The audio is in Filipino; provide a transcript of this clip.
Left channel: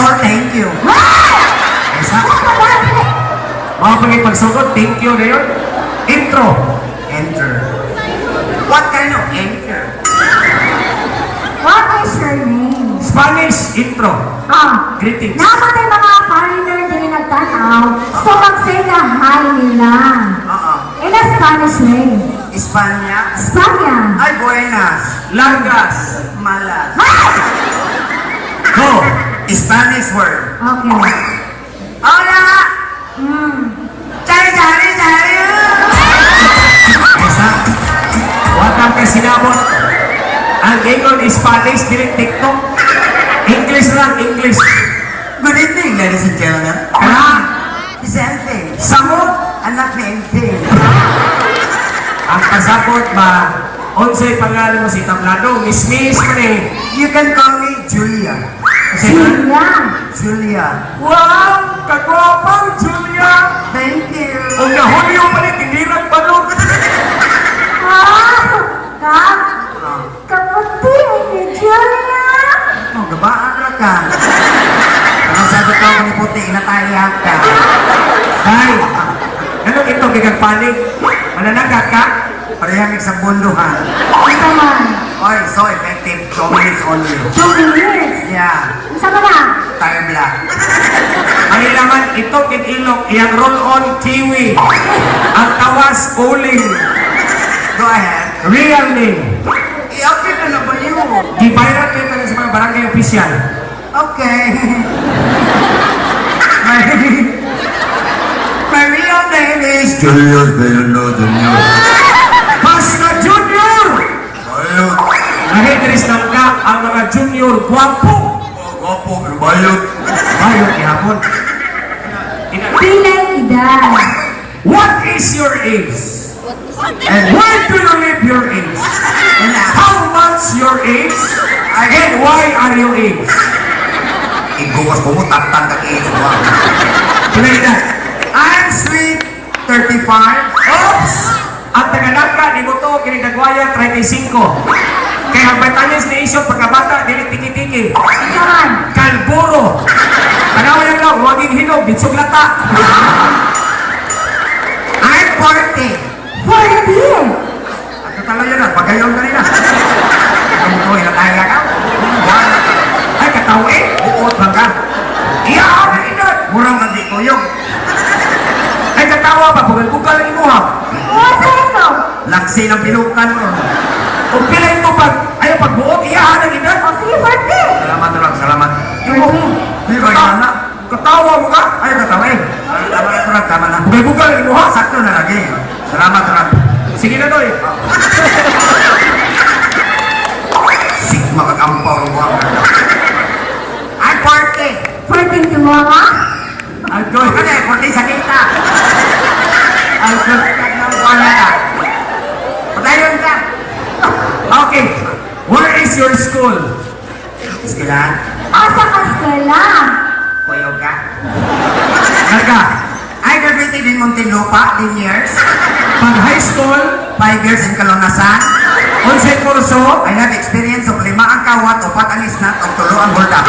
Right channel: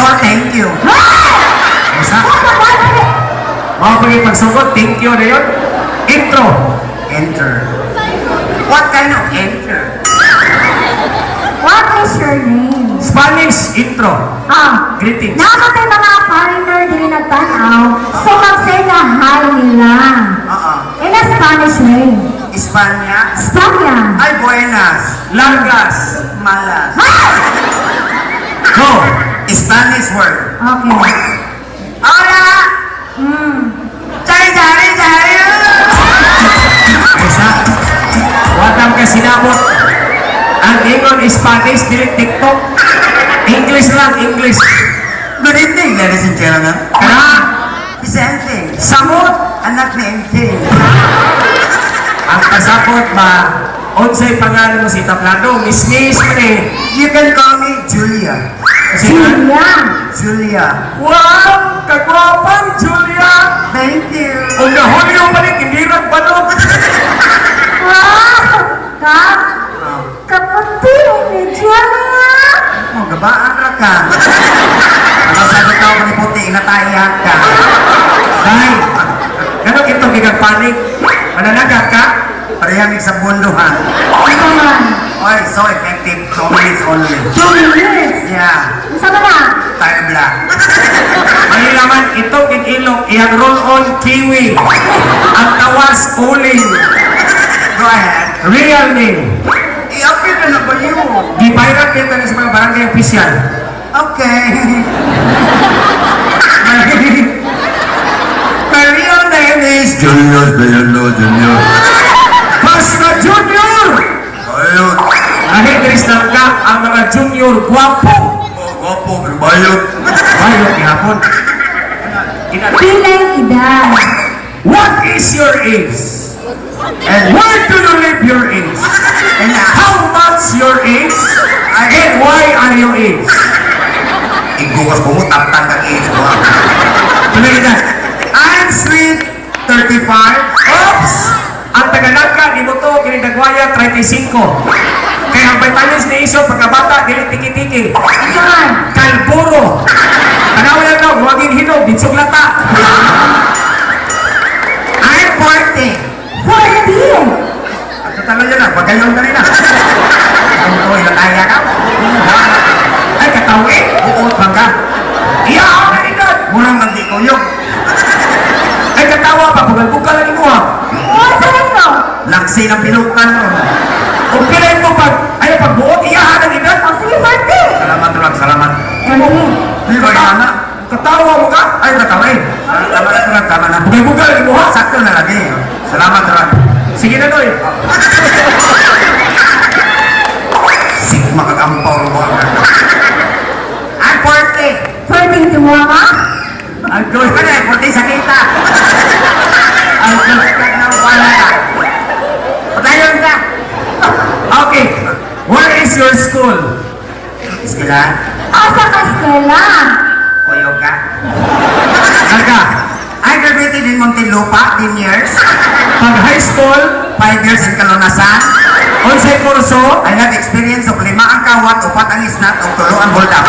or thank you? Isa? Mga kami pagsagot, thank you na yun. Intro. Enter. What kind of enter? What is your name? Spanish, intro. Greetings. Namatay mga foreigner din na tanaw, so mag-say na hi nila. In a Spanish name. Espanya? Spanya. Ay, buenas. Largas. Malas. Go. Spanish word. Okay. Hola! Chari! Isa. Watan ka sinabot. Ang ingon Spanish, direct TikTok. English lang, English. Good evening, ladies and gentlemen. Same thing. Samot. Anak ni MK. Ang pasapot ba, unsay pangalan mo si Tablado, Miss Tre. You can call me Julia. Julia. Julia. Wow! Kagwapan, Julia! Thank you. O nahulyo pa rin, hindi rin balog. Wow! Kak, kaputi ni Julia. Oh, gabaan na ka. Ano sabi ko kung puti, inatayan ka. Ay, ano ito, gigagpanig? Mananagat ka? Parehang sa bunduhan. Ito man. Oy, so effective. 2 minutes only. 2 years. Yeah. Saan na? Tayo black. Manilaman, ito ilong, iyang roll-on kiwi. Ang tawas, uling. Go ahead. Real name. I-update na lang ba yun? Gibayrat nito na sa mga barangay official. Okay. My real name is Junior Bello Junior. Basta Junior! Bayot. Nahidris lang ka ang mga junior guwapo. Guwapo, bayot. Ayaw, ihapon. Pilay edad. What is your age? And where do you live your age? And how much your age? And why are you age? Igugas ko mo, taptang ka age ko. Play that. I'm sweet 35. Oops! Ang taganag ka, di mo to, kinidagwaya 35. Kaya ang vitamins ni Iso, pagkabata, dili tiki-tiki. Saan? Kalburo. Tanawin ka, huwagin hinog, bitsog lata. I'm 40. 40. At tatangal nyo na, pagkayon ka na na. Kung ko, inataya ka. Ay, katawi. Buot lang ka. Iya, ako na inod. Murang nandi ko yun. Ay, katawa pa, bugal-bugal lang mo ha. What sa'yo no? Laksi ng pilukan mo. Kung pilay mo pag, ay, pagbuot, iyahan ang inod. O sige, 40. Salamat, Turan, salamat. Ewan. Di ko na. Katawa mo ka. Ay, tatawa eh. Tama na, Turan, tama na. Bugal-bugal lang mo ha. Sakto na lagi. Salamat, Turan. Sige na, Noy. Sigma kag-ampaw mo. I'm 40. 40 mo ha? Ang Doon ka na, 40 sa kita. Ay, wala na. Patayon ka. Okay. Where is your school? Sila, Asa ka skela? kuyog ka. Naka. I graduated in Muntinlupa, 10 years. Pag high school, 5 years in Kalamasan. onsay kurso, I have experience of 5 ang kawat, 4 ang isnat, o 3 ang buldak.